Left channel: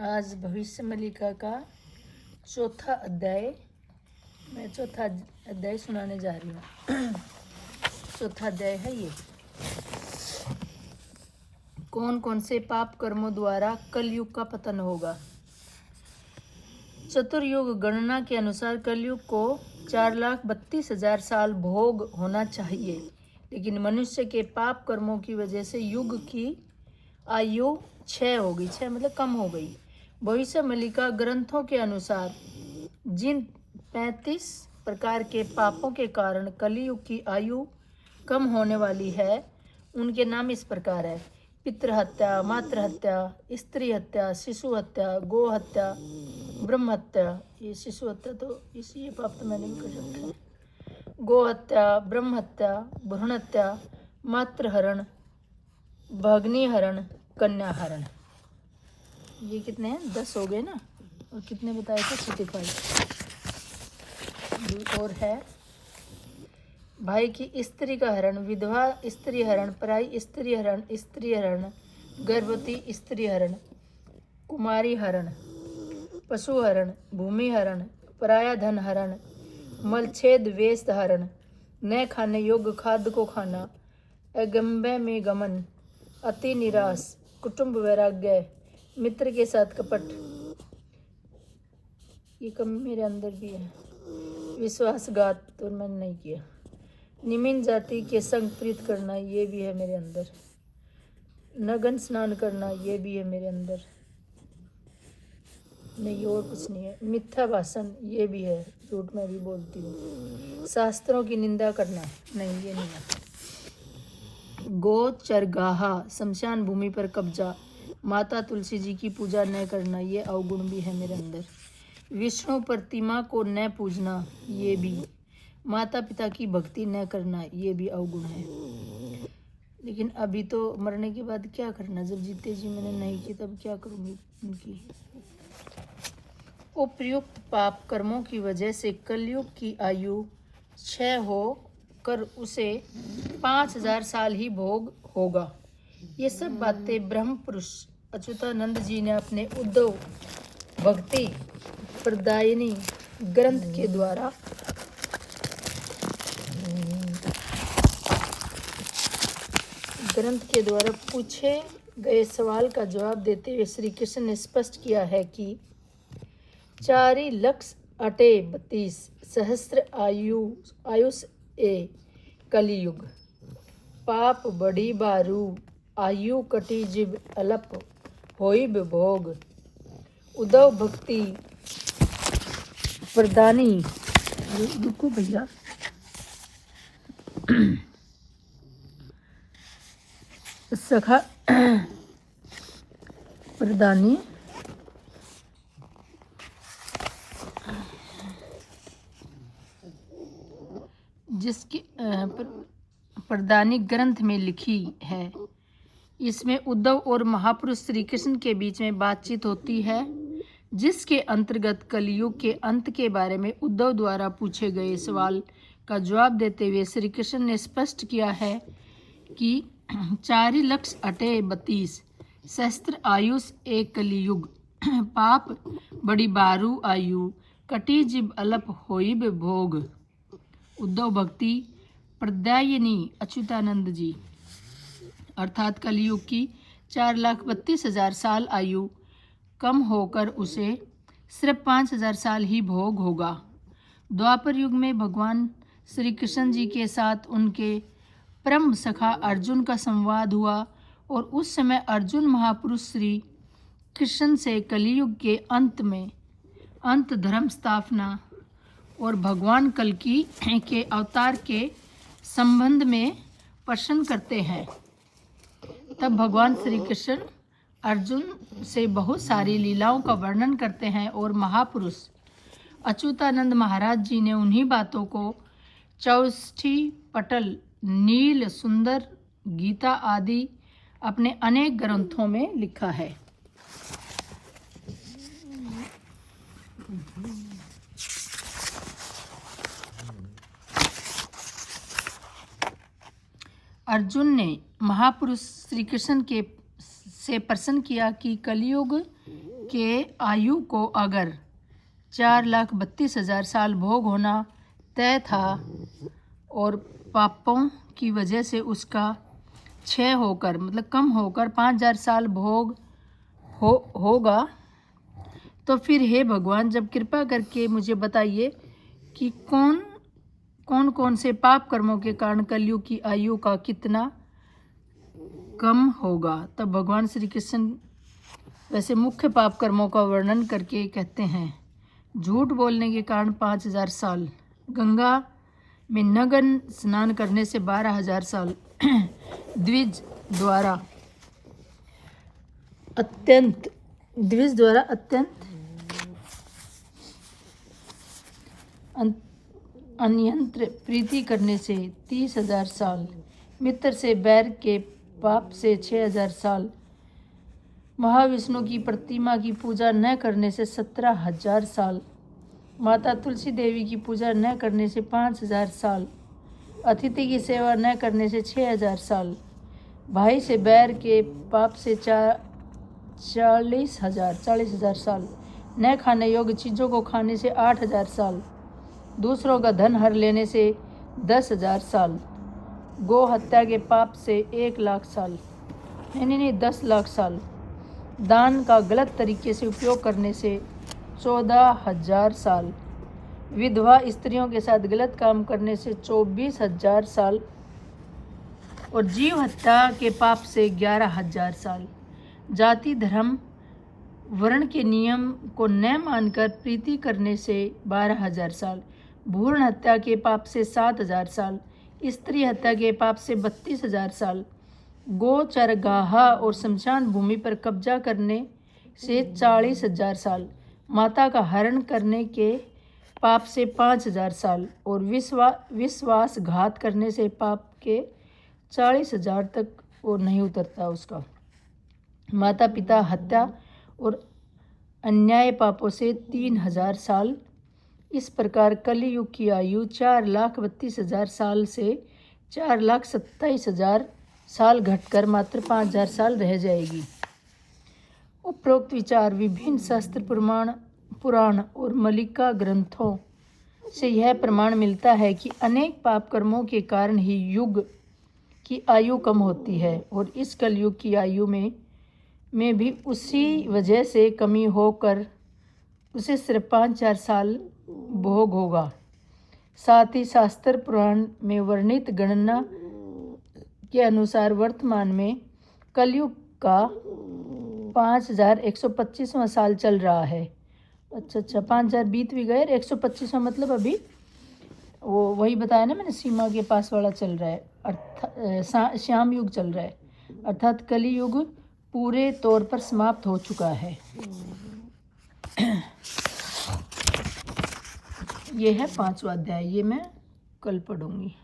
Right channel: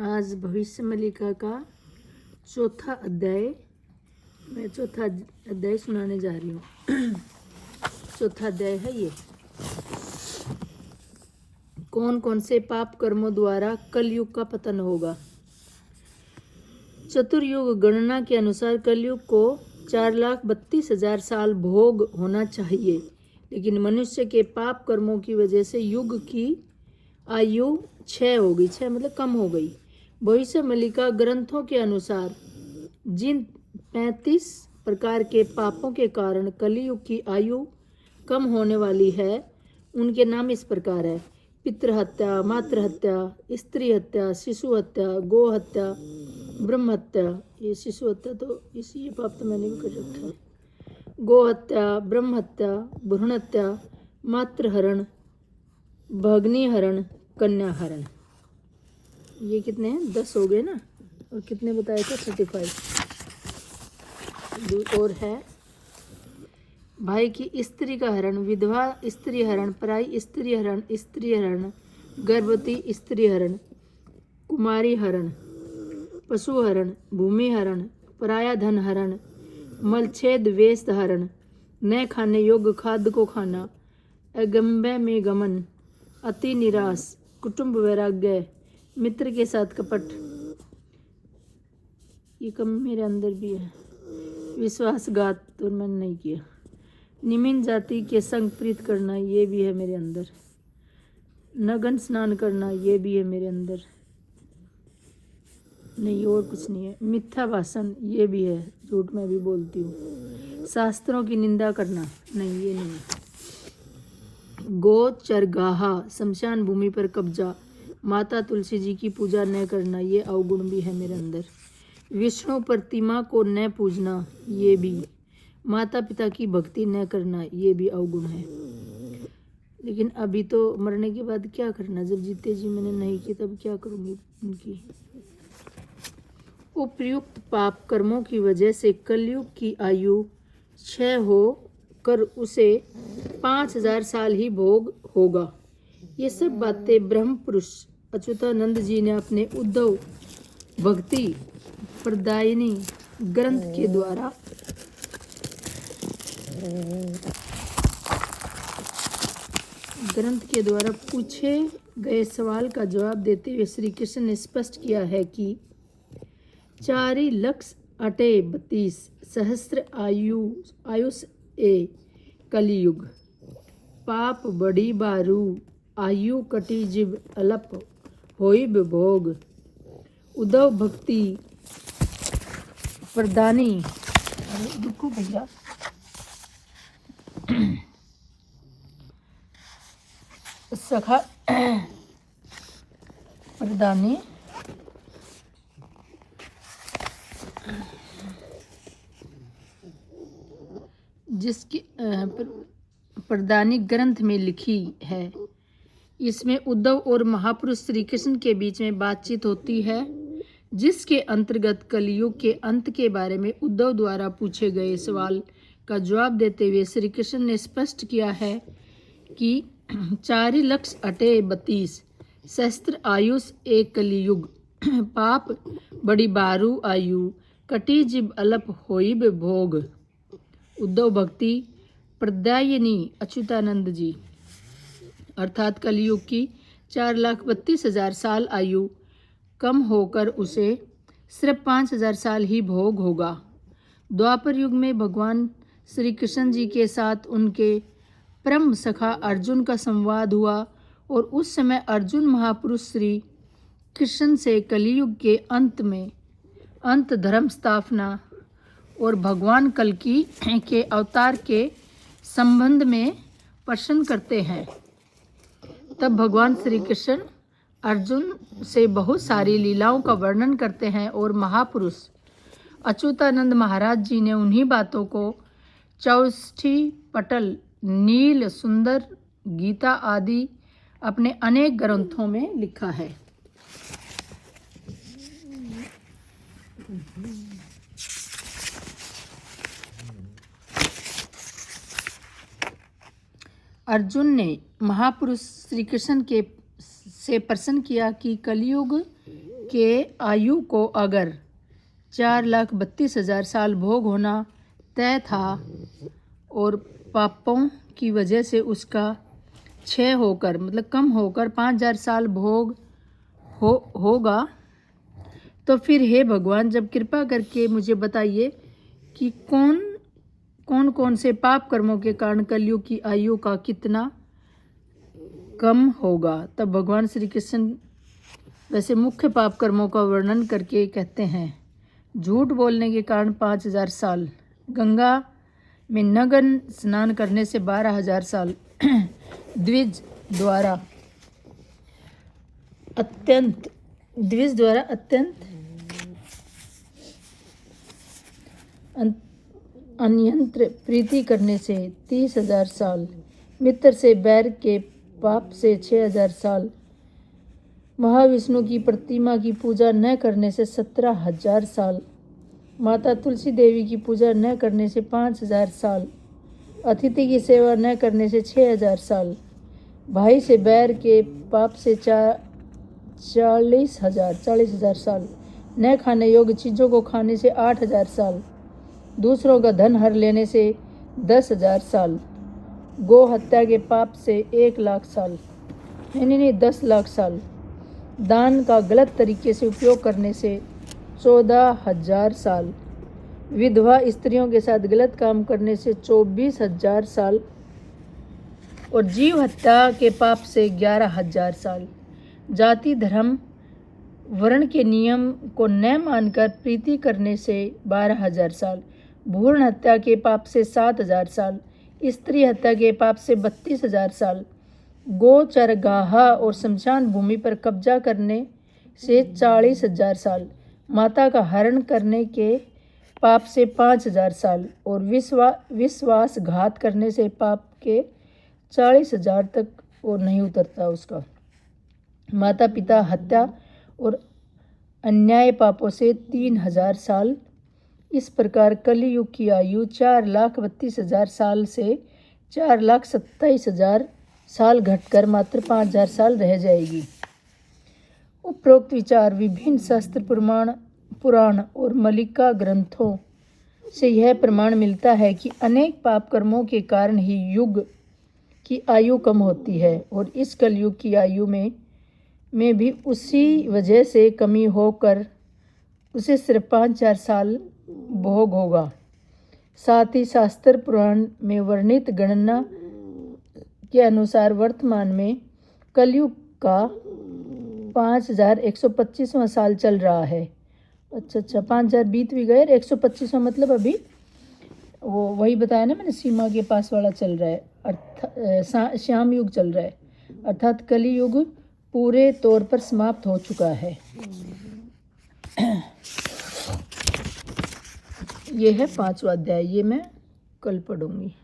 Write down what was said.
आज भविष्य मलिका का चौथा अध्याय, मैं चौथा अध्याय सुनाने जा रही हूँ। चौथा अध्याय है ये। कौन कौन से पाप कर्मों द्वारा कलयुग का पतन होगा। चतुर्युग गणना के अनुसार कलयुग को 4,32,000 साल भोग होना चाहिए, लेकिन मनुष्य के पाप कर्मों की वजह से युग की आयु 6 हो गई। 6 मतलब कम हो गई। भविष्य मलिका ग्रंथों के अनुसार जिन 35 प्रकार के पापों के कारण कलयुग की आयु कम होने वाली है, उनके नाम इस प्रकार है: पितृहत्या, मातृहत्या, स्त्री हत्या, शिशु हत्या, गो हत्या, ब्रह्म हत्या। ये शिशु हत्या तो ये पाप तो मैंने भी कर रखा है। गो हत्या, ब्रह्म हत्या, भ्रूण हत्या, मातृहरण, भग्नी हरण, कन्या हरण। ये कितने हैं? 10 हो गए ना। और कितने बताए थे? 35। और है भाई की स्त्री का हरण, विधवा स्त्री हरण, पराई स्त्री हरण, स्त्री हरण, गर्भवती स्त्री हरण, कुमारी हरण, पशु हरण, भूमि हरण, पराया धन हरण, मलछेद वेश हरण, न खाने योग्य खाद्य को खाना, अगम्य में गमन, अति निराश, कुटुंब वैराग्य, मित्र के साथ कपट, ये कम मेरे अंदर भी है, विश्वासघात तो मैंने नहीं किया, निम्न जाति के संग प्रीत करना, ये भी है मेरे अंदर, नग्न स्नान करना, ये भी है मेरे अंदर, नहीं और कुछ नहीं है। मिथ्या भाषण, ये भी है, झूठ मैं भी बोलती हूँ। शास्त्रों की निंदा करना, नहीं ये नहीं है। गो चरगाहा, शमशान भूमि पर कब्जा, माता तुलसी जी की पूजा न करना, ये अवगुण भी है मेरे अंदर। विष्णु प्रतिमा को न पूजना, ये भी। माता पिता की भक्ति न करना, ये भी अवगुण है। लेकिन अभी तो मरने के बाद क्या करना, जब जीते जी मैंने नहीं की तब क्या करूँगी उनकी। उपयुक्त पाप कर्मों की वजह से कलयुग की आयु 6 हो कर उसे 5,000 साल ही भोग होगा। ये सब बातें ब्रह्म पुरुष अच्युतानंद जी ने अपने उद्धव भक्ति प्रदायिनी ग्रंथ के द्वारा पूछे गए सवाल का जवाब देते हुए श्री कृष्ण ने स्पष्ट किया है कि 4,32,000 सहस्त्र आयुष ए कलियुग, पाप बड़ी बारू, आयु कटी जिब अलप होइब भोग, उद्धव भक्ति प्रदानी, रुको भैया, सखा प्रदानी जिसकी प्रदानी ग्रंथ में लिखी है। इसमें उद्धव और महापुरुष श्री कृष्ण के बीच में बातचीत होती है, जिसके अंतर्गत कलयुग के अंत के बारे में उद्धव द्वारा पूछे गए सवाल का जवाब देते हुए श्री कृष्ण ने स्पष्ट किया है कि 4,32,000 सहस्त्र आयुष एक कलियुग, पाप बड़ी बारू आयु, कटी जिब अलप होइब भोग, उद्धव भक्ति प्रदायिनी अच्युतानंद जी, अर्थात कलयुग की 4,32,000 साल आयु कम होकर उसे सिर्फ 5,000 साल ही भोग होगा। द्वापर युग में भगवान श्री कृष्ण जी के साथ उनके परम सखा अर्जुन का संवाद हुआ और उस समय अर्जुन महापुरुष श्री कृष्ण से कलियुग के अंत धर्म स्थापना और भगवान कल्कि के अवतार के संबंध में प्रश्न करते हैं। तब भगवान श्री कृष्ण अर्जुन से बहुत सारी लीलाओं का वर्णन करते हैं और महापुरुष अच्युतानंद महाराज जी ने उन्हीं बातों को चौष्ठी पटल, नील सुंदर, गीता आदि अपने अनेक ग्रंथों में लिखा है। अर्जुन ने महापुरुष श्री कृष्ण से प्रश्न किया कि कलयुग के आयु को अगर 4,32,000 साल भोग होना तय था और पापों की वजह से उसका क्षय होकर मतलब कम होकर 5,000 साल भोग होगा, तो फिर हे भगवान, जब कृपा करके मुझे बताइए कि कौन से पाप कर्मों के कारण कलयुग की आयु का कितना कम होगा। तब भगवान श्री कृष्ण वैसे मुख्य पाप कर्मों का वर्णन करके कहते हैं, झूठ बोलने के कारण 5,000 साल, गंगा में नग्न स्नान करने से 12,000 साल, द्विज द्वारा अत्यंत अन्यंत्र प्रीति करने से 30,000 साल, मित्र से बैर के पाप से 6,000 साल, महाविष्णु की प्रतिमा की पूजा न करने से 17,000 साल, माता तुलसी देवी की पूजा न करने से 5,000 साल, अतिथि की सेवा न करने से 6,000 साल, भाई से बैर के पाप से 40,000 साल, न खाने योग्य चीज़ों को खाने से 8,000 साल, दूसरों का धन हर लेने से 10,000 साल, गो हत्या के पाप से 1,00,000 साल, नहीं 10,00,000 साल, दान का गलत तरीके से उपयोग करने से 14,000 साल, विधवा स्त्रियों के साथ गलत काम करने से 24,000 साल और जीव हत्या के पाप से 11,000 साल, जाति धर्म वर्ण के नियम को न मानकर प्रीति करने से 12,000 साल, भ्रूण हत्या के पाप से 7,000 साल, स्त्री हत्या के पाप से 32,000 साल, गो चरगाहा और शमशान भूमि पर कब्जा करने से 40,000 साल, माता का हरण करने के पाप से 5,000 साल और विश्वासघात करने से पाप के 40,000 तक वो नहीं उतरता उसका, माता पिता हत्या और अन्याय पापों से 3,000 साल। इस प्रकार कलियुग की आयु 4,32,000 साल से 4,27,000 साल घटकर मात्र 5,000 साल रह जाएगी। उपरोक्त विचार विभिन्न शास्त्र पुराण और मलिका ग्रंथों से यह प्रमाण मिलता है कि अनेक पाप कर्मों के कारण ही युग की आयु कम होती है और इस कलयुग की आयु में भी उसी वजह से कमी होकर उसे सिर्फ 5,000 साल भोग होगा। साथ ही शास्त्र पुराण में वर्णित गणना के अनुसार वर्तमान में कलयुग का 5,125वां साल चल रहा है। अच्छा 5,000 बीत भी गए, 125वां मतलब अभी वो वही बताया ना मैंने, सीमा के पास वाला चल रहा है, अर्थात श्याम युग चल रहा है, अर्थात कली युग पूरे तौर पर समाप्त हो चुका है। ये है 5वां अध्याय, ये मैं कल पढ़ूंगी।